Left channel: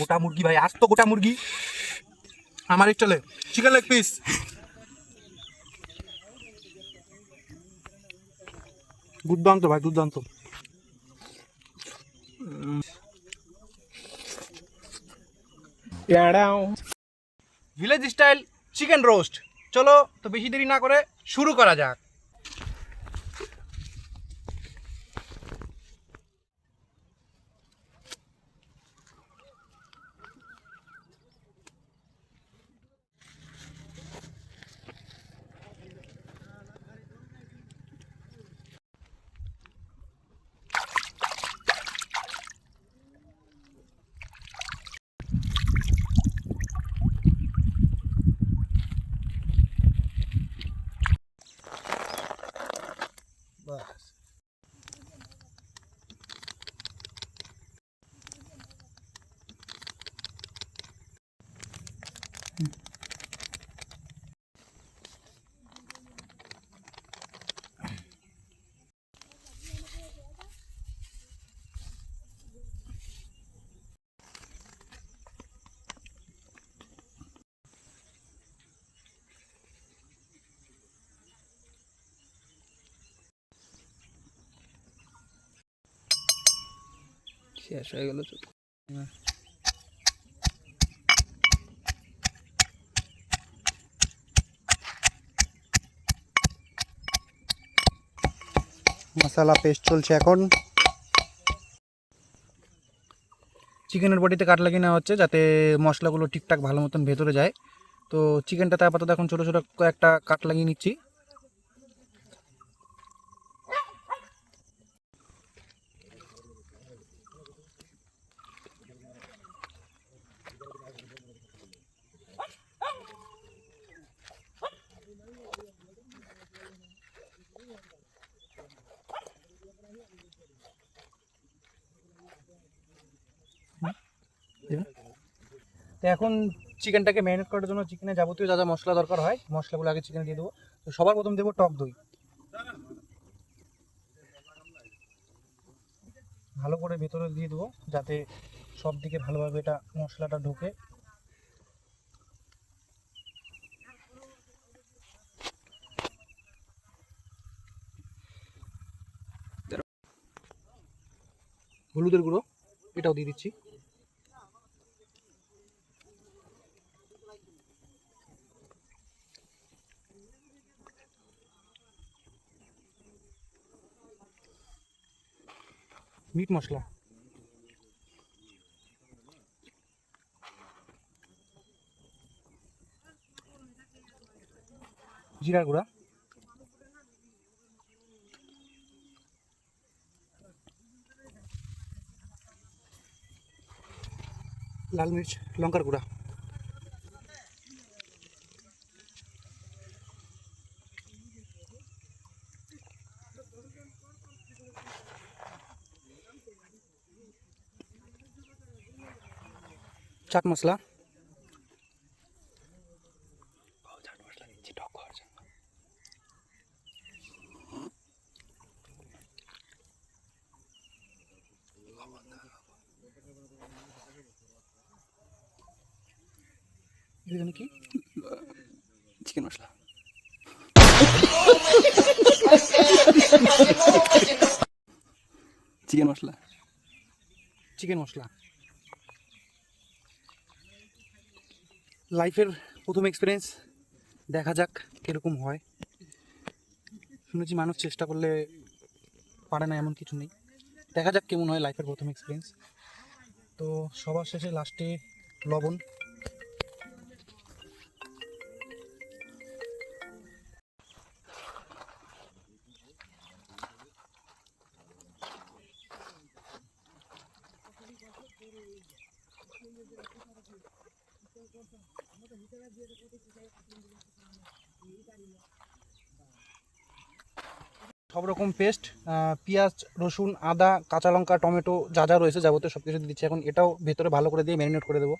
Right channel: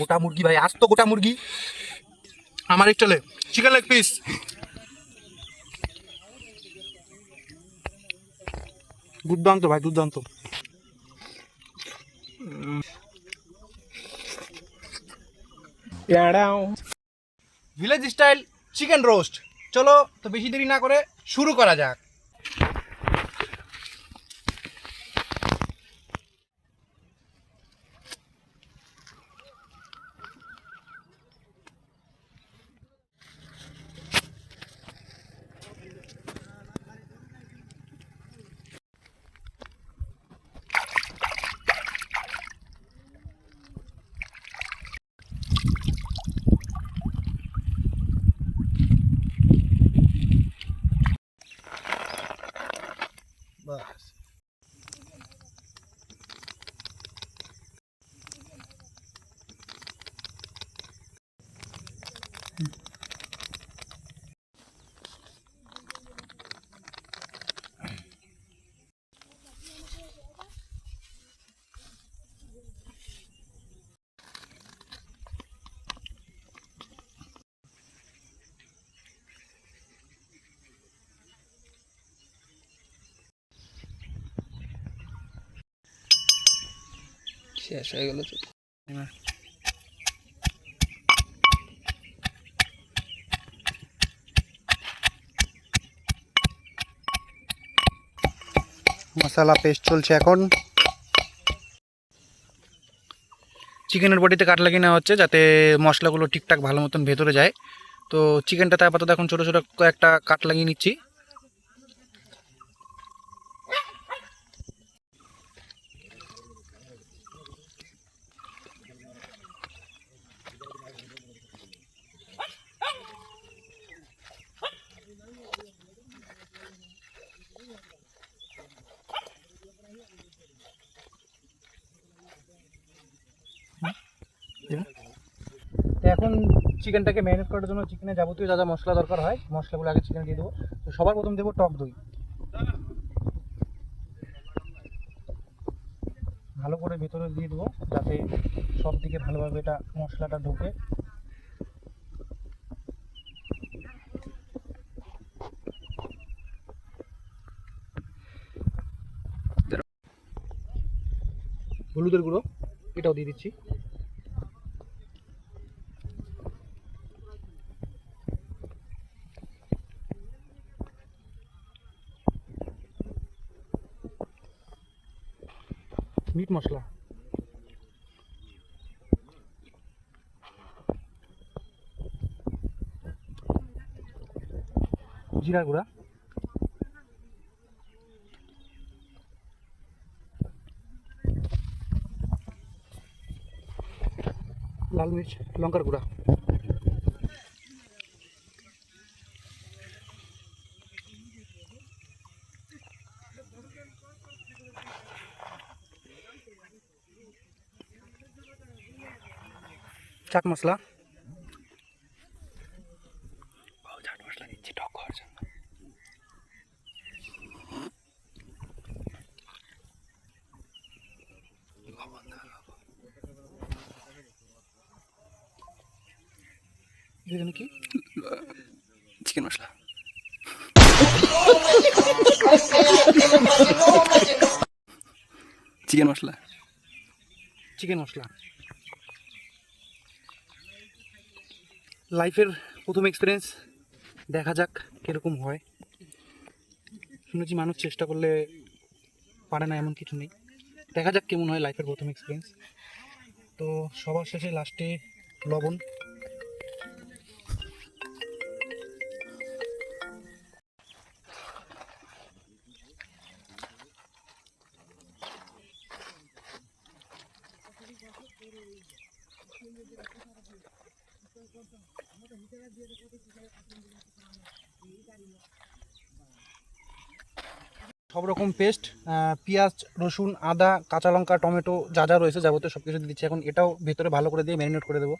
গোটা মুরগি ভাই, আজ তো গোটা মুরগি আমার স্টাইলে। চিকেন লেগ পিস, দুর্দান্ত ভাই, দুর্দান্ত। Village style chicken roast. চলো তো বেশি দেরি না করে শুরু করা যাক। বাস শেষ হয়ে গেল তো। মশলা পেস্ট চলছে এখন। চিকেনের বডিতে কাট লাগিয়ে নেওয়া হচ্ছে যাতে মশলাগুলো ঠিকঠাক ভালো মতন ভেতরে যায়। তো চিকেনটাতে আপাতত এখন ছোটো ছোটো কয়েকটা কাট লাগিয়ে নিচ্ছি। তো এখন চিকেনটাকে ম্যারিনেট করার জন্য চিকেনে যাবতীয় যা যা মশলা দরকার হয় মশলাগুলো আগে চিকেন দিয়ে দেবো। তো সবার প্রথম দেবো টক দই, ভালো করে ভেতরে দিয়ে দেবো যাতে সব দিকে ভালোভাবে এটা মশলাটা ঢোকে। হলুদের গুঁড়ো এটাও দিয়ে দিচ্ছি। মিট মশলা, জিরার গুঁড়া, লাল মির্চ লঙ্কার গুঁড়া, চাট মশলা, চাট মশলা দিচ্ছি টক হওয়ার জন্য। এখানে কি চিকেন মশলা, চিকেন মশলা, চিকেন মশলা। লাইফের প্রথম এক্সপিরিয়েন্স, দেখা যাক কীরকম হয়। শুনেছি মানুষ চেষ্টা করলে পারে না এমন কিছু নেই, দেখা যাক কেমন হয় লাইফের প্রথম এক্সপিরিয়েন্স। তো সবার শেষে লাস্টে লবণ। সব রকম পেস্ট, পেঁয়াজ রসুন আদা কাঁচা লঙ্কা টমেটো যা যা রয়েছে যাবতীয় সব কিছু দিচ্ছি। এখন এটাও ভেতরে ভালো করে দিয়ে ম্যারিনেট করে দেবো।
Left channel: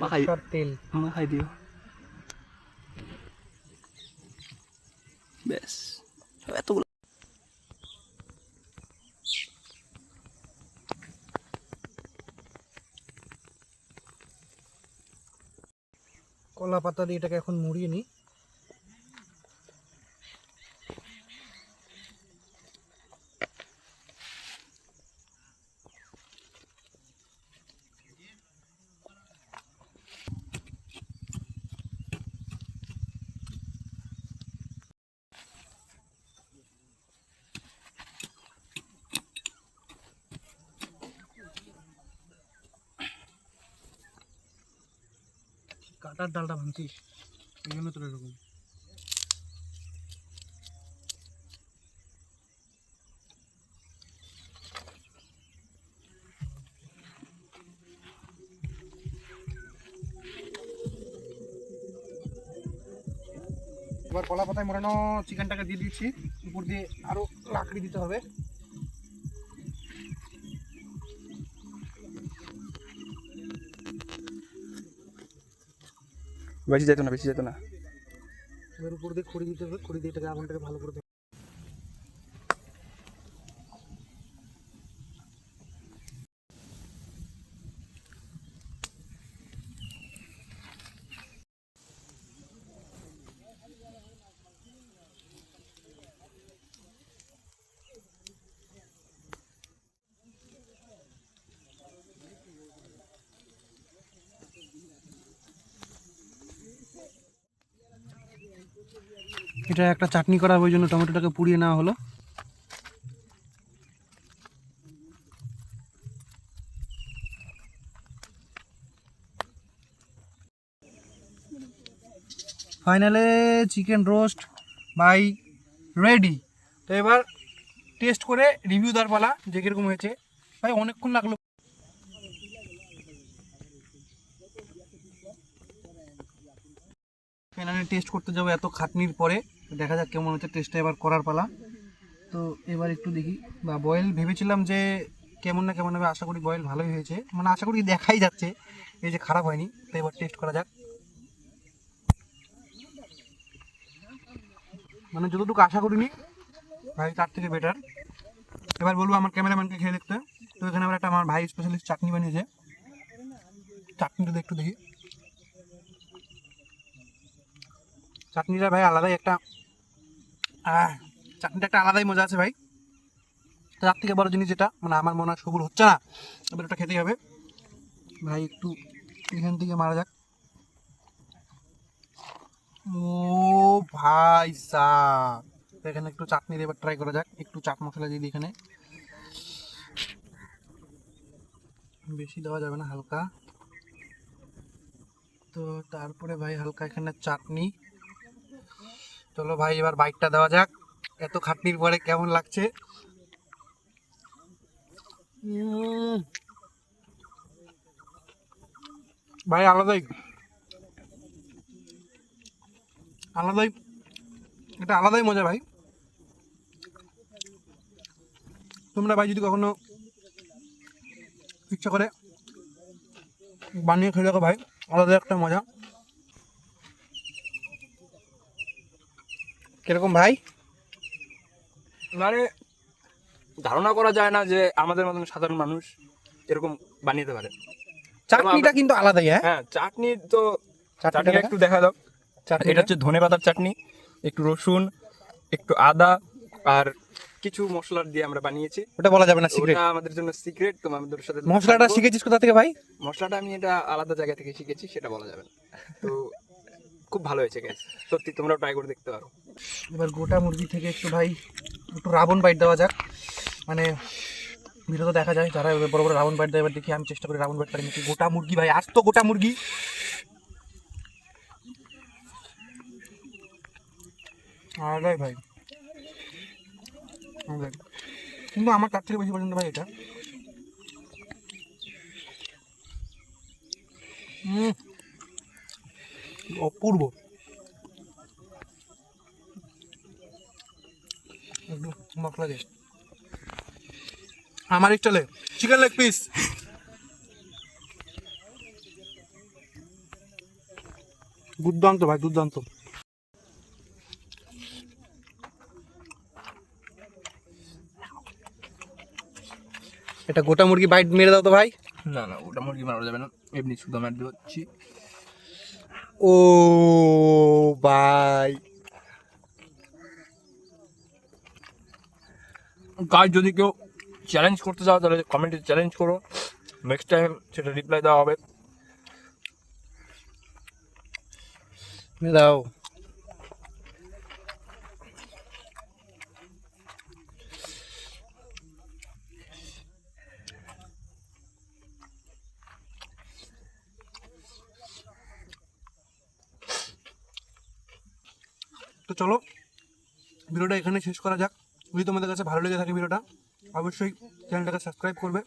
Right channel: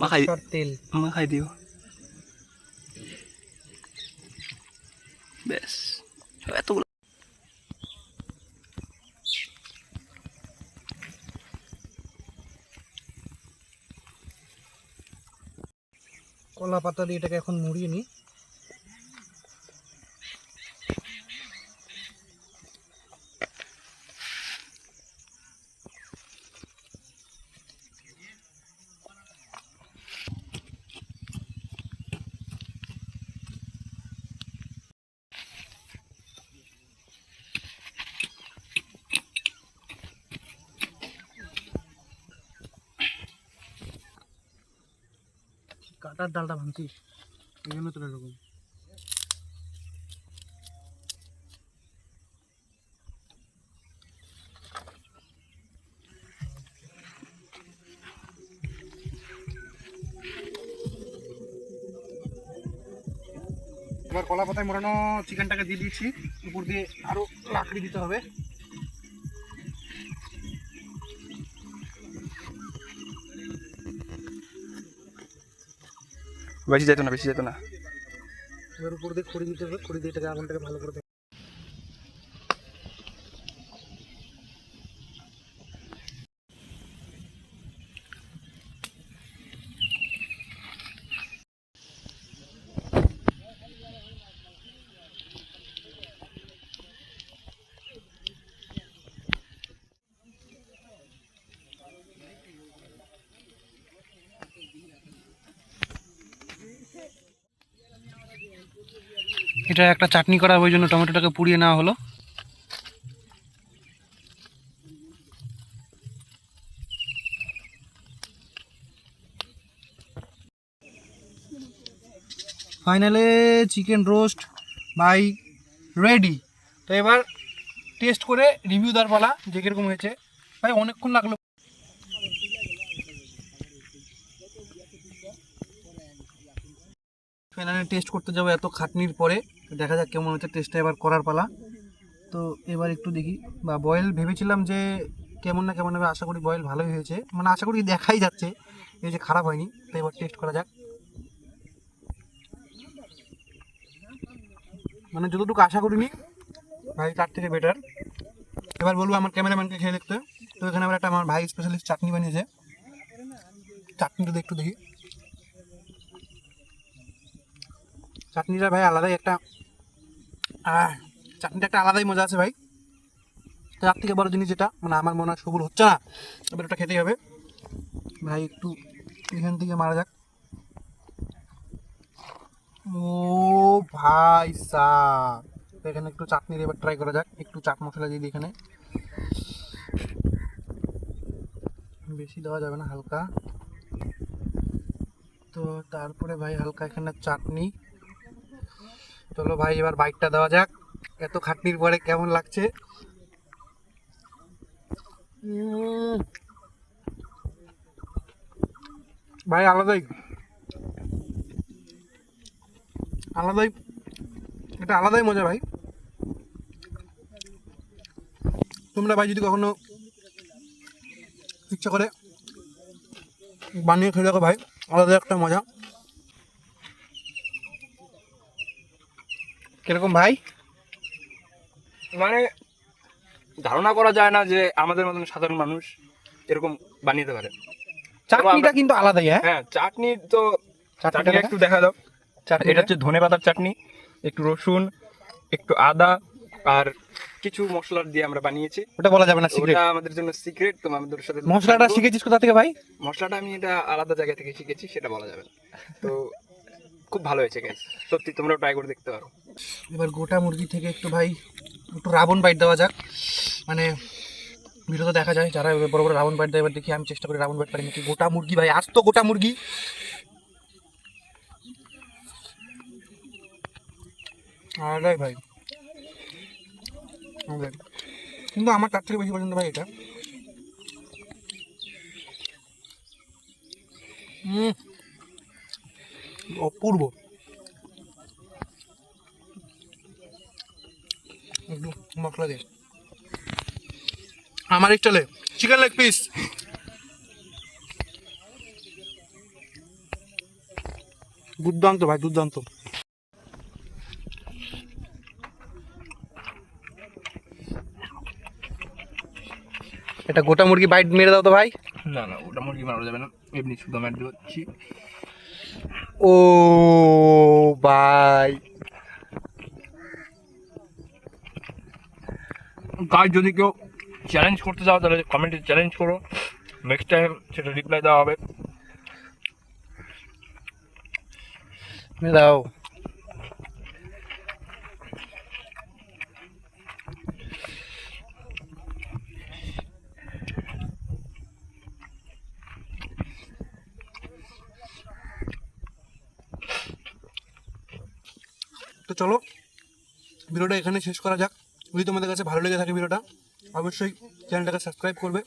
মাখাই সরষের তেল মাখাই দিও ব্যাস এতগুলো কলা পাতা দিয়ে এটাকে এখন মুড়িয়ে নিই। কাটার ডালটা ভাঙছিস এই জন্য তোর এরকম। এবার কলা পাতায় মোড়ানো চিকেনটাকে দিয়ে দিচ্ছি, উপর দিয়ে আরো লাকড়ি দিতে হবে। বেশি যেত না বেশি যেত না এবার উপর দিয়ে খড়ি দিতে হবে, খড়ি দিয়ে এটাকে আগুনটাকে ভালো করে এটা একটা চাটনি করা, ওই জন্য টমেটোটাকে পুড়িয়ে নেওয়া হলো। ফাইনালে চিকেন রোস্ট বাই রেডি। তো এবার টেস্ট করে রিভিউ দেওয়ার পালা যে কীরকম হয়েছে। ভাই অনেকক্ষণ লাগলো। ফাইনালি টেস্ট করতে যাবো এত খাটনির পরে, দেখা যাক কেমন হচ্ছে। টেস্টটা এবার করার পালা। তো এবার একটু দেখি, বা বয়েল ভেবেছিলাম যে কেমন না কেমন হবে, আশা করি বয়েল ভালোই হয়েছে, মানে আশা করি দেখাই যাচ্ছে এই যে খারাপ হয়নি। তো এবার টেস্ট করা যাক। মানে যতটুকু আশা করিনি ভাই তার থেকে বেটার। এবার বলবো আমার ক্যামেরাম্যানকে খেয়ে দেখতে। তো এখানে আবার একটা আমার ভাই স্পেশালিস্ট চাটনি বানিয়েছে, চাটনিটা একটু দেখি। চাটনিটা ভাই আলাদাই একটা চাটনিটা একটা আলাদাই মজা আছে ভাই। তার থেকে বড় জিনিস যেটা মানে আমার মনে হয় সবুর হচ্ছে না, এবার ওটা খেতেই হবে ভাই। একটু এখান থেকে মারা যাক। ও ভাই সাব, এখানে একটু চাটনি এবার ট্রাই করা যাক। একটু চাট মশলা দিয়ে দিই এখানে, বেশি দেওয়া যাবে না, হালকা। তো তারপরে ভাই হালকা এখানে চাটনি। চলো ভাই এবার বাইটটা দেওয়া যাক, এত খাটনির পরে কেমন লাগছে। ভাই আলাদাই আলাদাই, এটা আলাদাই মজা ভাই। তোমরা ভাই যদি কখনো ইচ্ছা করে বানিয়ে খেয়ে দেখো ভাই, আলাদা একটা মজা। কিরকম ভাই? মানে ধারণা করা যায় না যে আমাদের মতন সাধারণ মানুষ এরকম বানিয়ে পারে। চাটনিটা কিন্তু আলাদাই। হ্যাঁ হ্যাঁ চাটনি তো, চাটনিটা চাটনিটা একটু দেখা দাও। এটা হচ্ছে ধনে পাতার চাটনি, একটু রসুন, একটু আদা আর কিছু মশলা দিয়ে আমরা বানিয়েছি। ওটা বলা যাবে না, সিক্রেট। ওটা আমাদের জন্য সিক্রেট, তো আমাদের সাথে মশলাটা থাকবো। শিখেছিস কোথা থেকে ভাই? মশলাটা আমি এটা আলাদা জায়গা থেকে শিখেছি, সেটা বলা যাবে না। তো খুব ভালো হয়েছে গাইস, সত্যি তোমরাও ট্রাই করে দেখতে পারো। এবার গোটা মুরগি থেকে একটু ভাই একটু রাবণ বাইট দেওয়া যাক। মানে ভিডিওতে দেখা যায় যারা বড় বড় রাবণ বাইট দেয়, এবার দেখি আমি চেষ্টা করি রাবণ বাইট পারি নাকি। গোটা মুরগি ভাই, আজ তো গোটা মুরগি। আরে ভাই কিন্তু আমার তার থেকে বেশি পছন্দ ভাই এটা। অপূর্ব। একটু মশলা দিয়ে আমার স্টাইলে চিকেন লেগ পিস। দুর্দান্ত ভাই, দুর্দান্ত। এটা গোটা মুরগি বাইট মেরে দাও তো ভাই। না না, ওটা মুরগি মারা যাবে না, এমনি শুধু ম্যাট দিচ্ছি। ও ভাই, গাইস যদি কেউ চ্যালেঞ্জ করতে চাও তাহলে কমেন্টে চ্যালেঞ্জ করো, নেক্সট টাইম সেটা রিপ্লাই দেওয়া হবে। মেরে দাও। তো চলো ভিডিওটা এখানে শেষ করা যাক। যদি তোমাদের কাছে ভালো লেগে থাকে ভিডিওটা, অবশ্যই চ্যানেলটাকে সাবস্ক্রাইব করবে,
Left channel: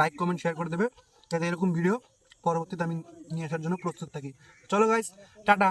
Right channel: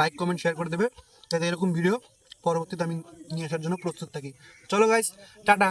লাইক কমেন্ট শেয়ার করে দেবে, যাতে এরকম ভিডিও পরবর্তীতে আমি নিয়ে আসার জন্য প্রস্তুত থাকি। চলো গাইস, টাটা।